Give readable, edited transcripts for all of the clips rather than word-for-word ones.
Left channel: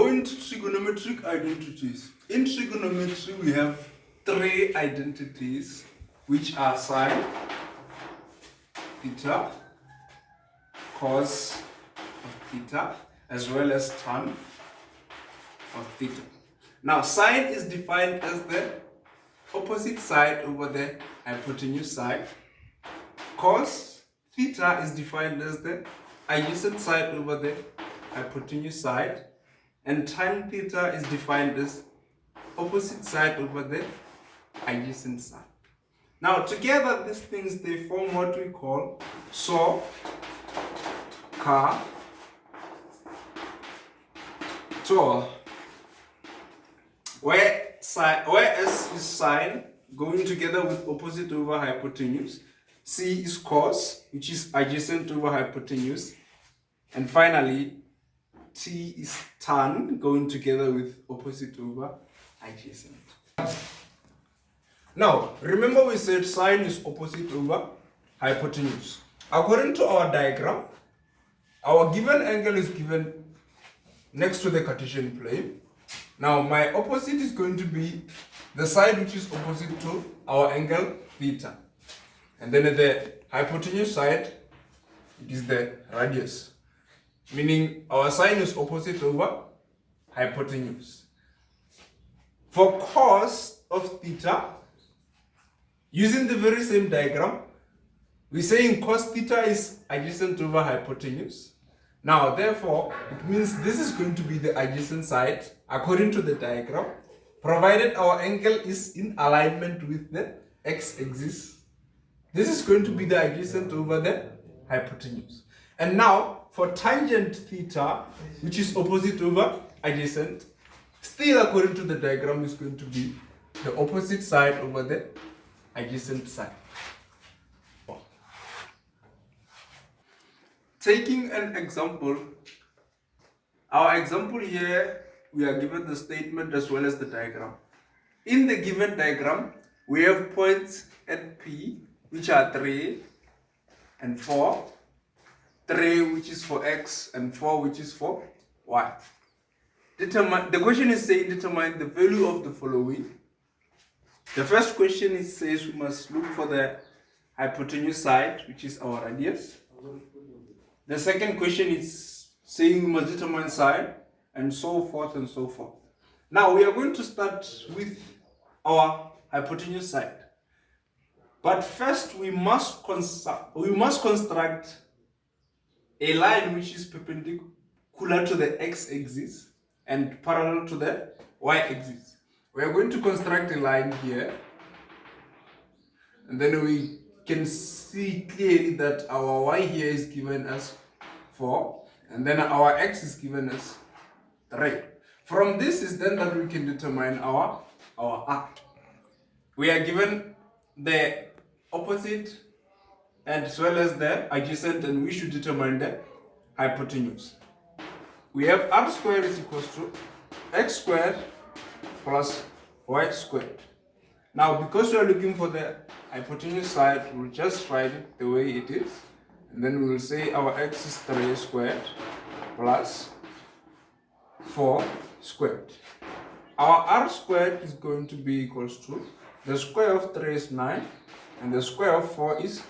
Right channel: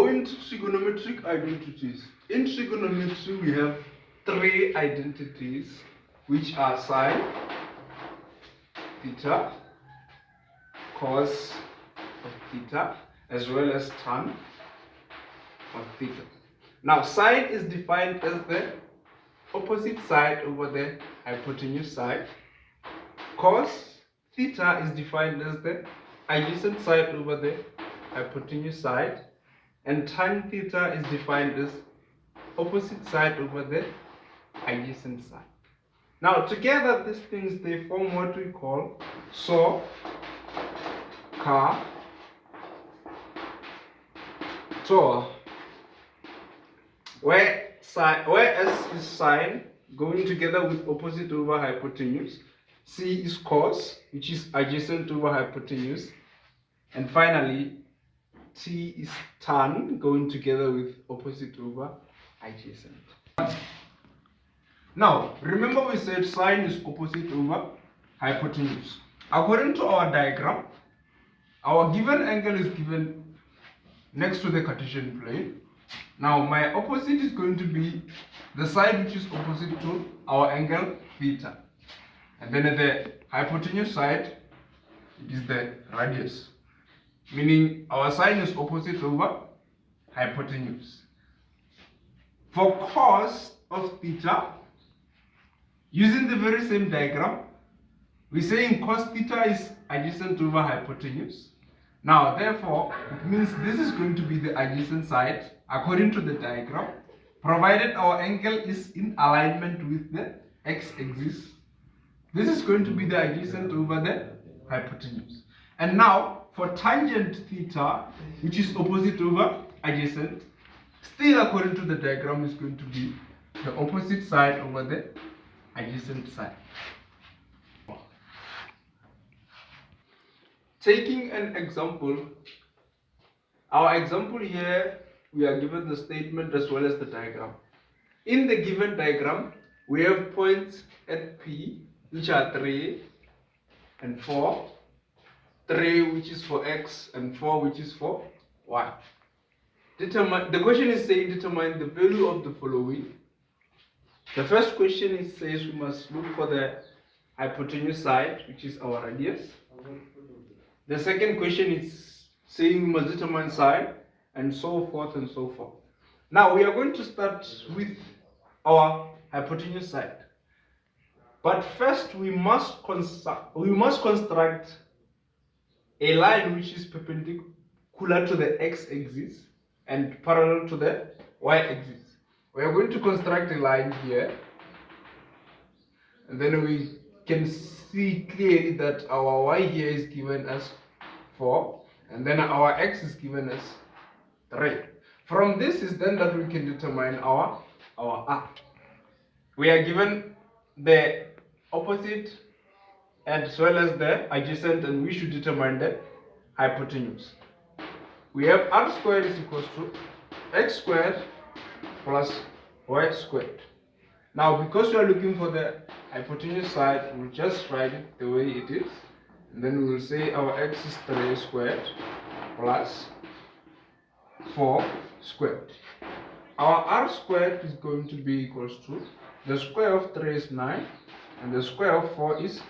go into trigonometric identities. In trigonometry, we have three identities, which are sine, theta, cos of theta, as well as tan of theta. Now, sine is defined as the opposite side over the hypotenuse side. Cos theta is defined as the adjacent side over the hypotenuse side. And tan theta is defined as opposite side over the adjacent side. Now, together, these things, they form what we call saw, car, tor, where S is sine, going together with opposite over hypotenuse. C is cos, which is adjacent over hypotenuse. And finally, T is tan, going together with opposite over adjacent. Now, remember we said sine is opposite over hypotenuse. According to our diagram, our given angle is given next to the Cartesian plane. Now, my opposite is going to be the side which is opposite to our angle theta. And then at the hypotenuse side, it is the radius. Meaning our sine is opposite over hypotenuse. For cos of theta, using the very same diagram, we're saying cos theta is adjacent over hypotenuse. Now, therefore, it means this is going to be the adjacent side according to the diagram, provided our angle is in alignment with the x-axis. This is going to be the adjacent over the hypotenuse. And now, for tangent theta, which is opposite over adjacent, still according to the diagram is going to be the opposite side over the adjacent side. Taking an example, our example here, we are given the statement as well as the diagram. In the given diagram, we have points at P, which are 3 and 4. 3 which is for x and 4 which is for y. The question is saying determine the value of the following. The first question says we must look for the hypotenuse side, which is our radius. The second question is saying we must determine sine, and so forth and so forth. Now we are going to start with our hypotenuse side. But first we must construct a line which is perpendicular to the x-axis and parallel to the y-axis. We are going to construct a line here, and then we can see clearly that our y here is given as 4, and then our x is given as 3. From this is then that we can determine our r. We are given the opposite as well as the adjacent, and we should determine the hypotenuse. We have r squared is equals to x squared plus y squared. Now, because we are looking for the hypotenuse side, we'll just write it the way it is, and then we will say our x is 3 squared plus 4 squared. Our r squared is going to be equals to the square of 3 is 9 and the square of 4 is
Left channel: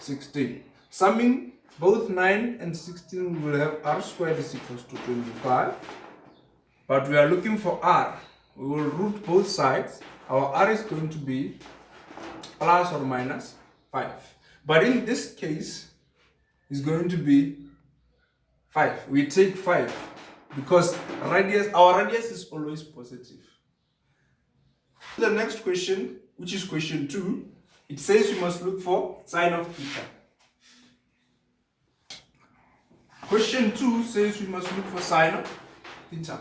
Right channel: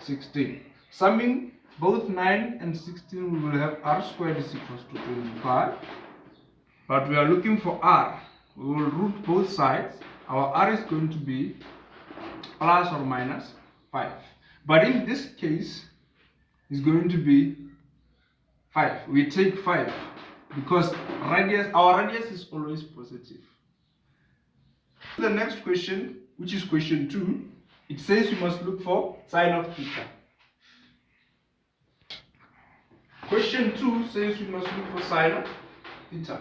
16. Summing both 9 and 16, we will have r squared is equals to 25. But we are looking for r. We will root both sides. Our r is going to be plus or minus 5. But in this case, it's going to be 5. We take 5 because our radius is always positive. The next question, which is question 2, it says we must look for sine of theta. Question 2 says we must look for sine of theta.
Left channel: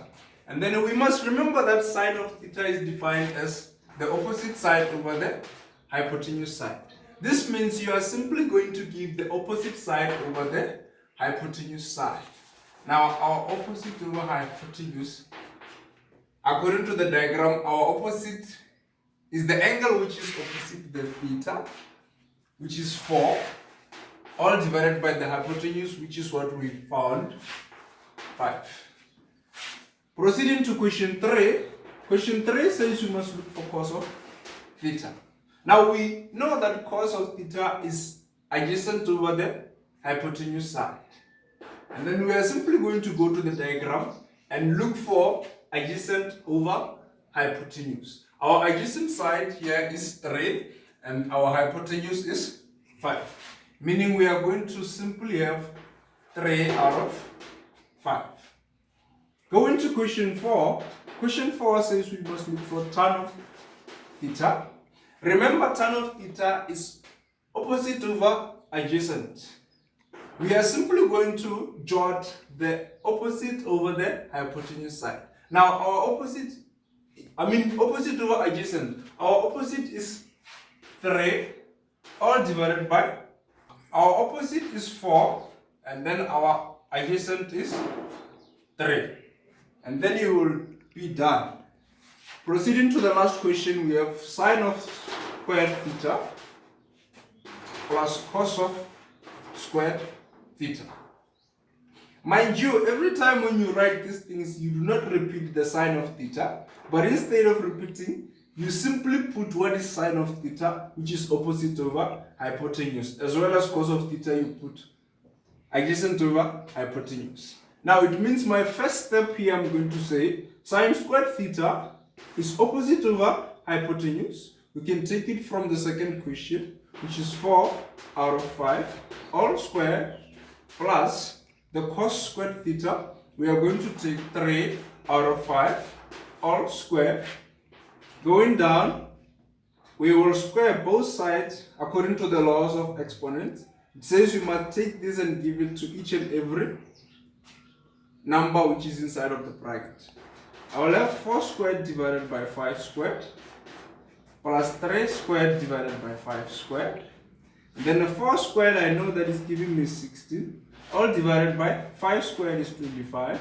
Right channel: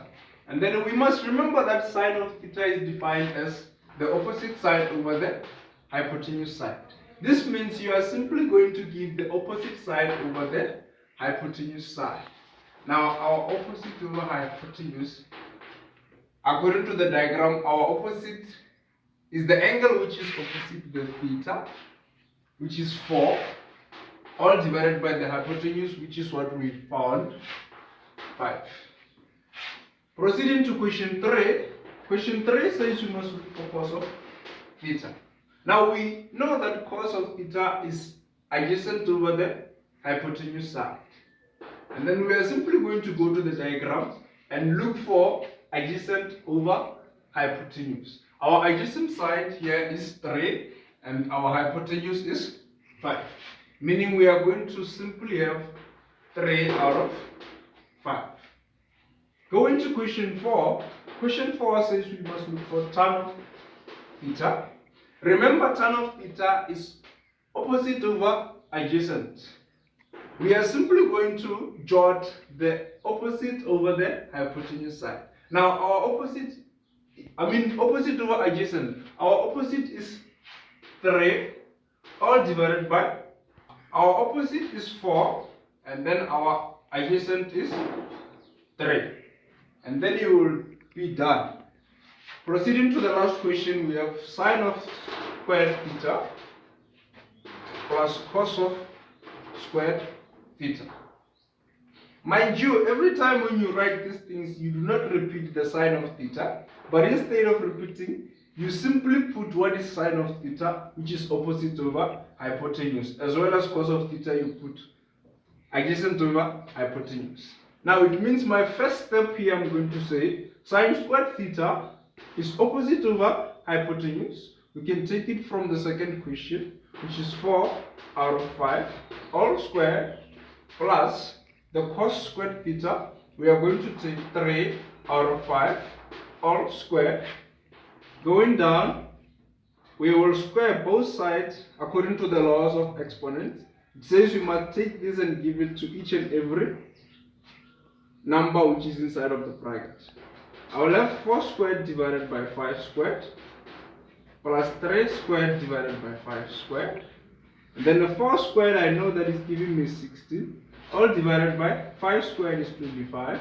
And then we must remember that sine of theta is defined as the opposite side over the hypotenuse side. This means you are simply going to give the opposite side over the hypotenuse side. Now, our opposite over hypotenuse, according to the diagram, our opposite is the angle which is opposite the theta, which is 4, all divided by the hypotenuse, which is what we found, 5. Proceeding to question 3. Question 3 says you must look for cos of theta. Now we know that cos of theta is adjacent over the hypotenuse side. And then we are simply going to go to the diagram and look for adjacent over hypotenuse. Our adjacent side here is 3 and our hypotenuse is 5. Meaning we are going to simply have 3 out of 5. Going to question 4. Question 4 says we must look for tan of theta. Remember, tan of theta is opposite over adjacent. We are simply going to jot the opposite over the hypotenuse side. Now our opposite over adjacent. Our opposite is 3 all divided by, our opposite is 4 and then our adjacent is 3. And then you will be done. Proceeding to the last question, we have sine of squared theta plus cos of squared theta. Mind you, every time when you write these things, you do not repeat the sine of theta, but instead of repeating, you simply put what is sine of theta, which is opposite over hypotenuse, as well as cos of theta, you put adjacent over hypotenuse. Now it means my first step here, I'm going to say sine squared theta is opposite over hypotenuse. We can take it from the second question, which is 4 out of 5 all squared plus the cos squared theta. We are going to take 3 out of 5 all squared. Going down, we will square both sides according to the laws of exponents. It says you must take this and give it to each and every number which is inside of the bracket. I will have 4 squared divided by 5 squared plus 3 squared divided by 5 squared. And then the 4 squared, I know that is giving me 16. All divided by 5 squared is 25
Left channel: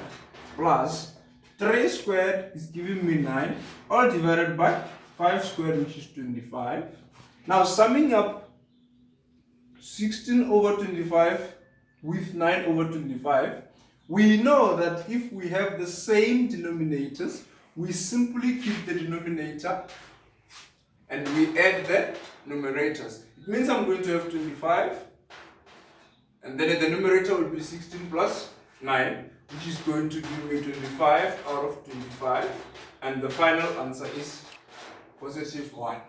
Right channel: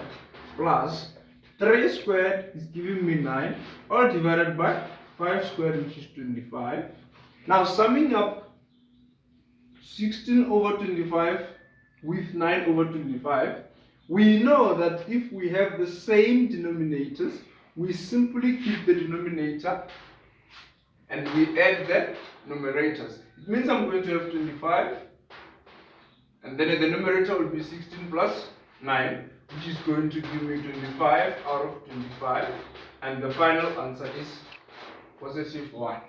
plus 3 squared is giving me 9. All divided by 5 squared, which is 25. Now summing up 16 over 25 with 9 over 25, we know that if we have the same denominators, we simply keep the denominator and we add the numerators. It means I'm going to have 25, and then the numerator will be 16 plus 9, which is going to give me 25 out of 25, and the final answer is positive 1.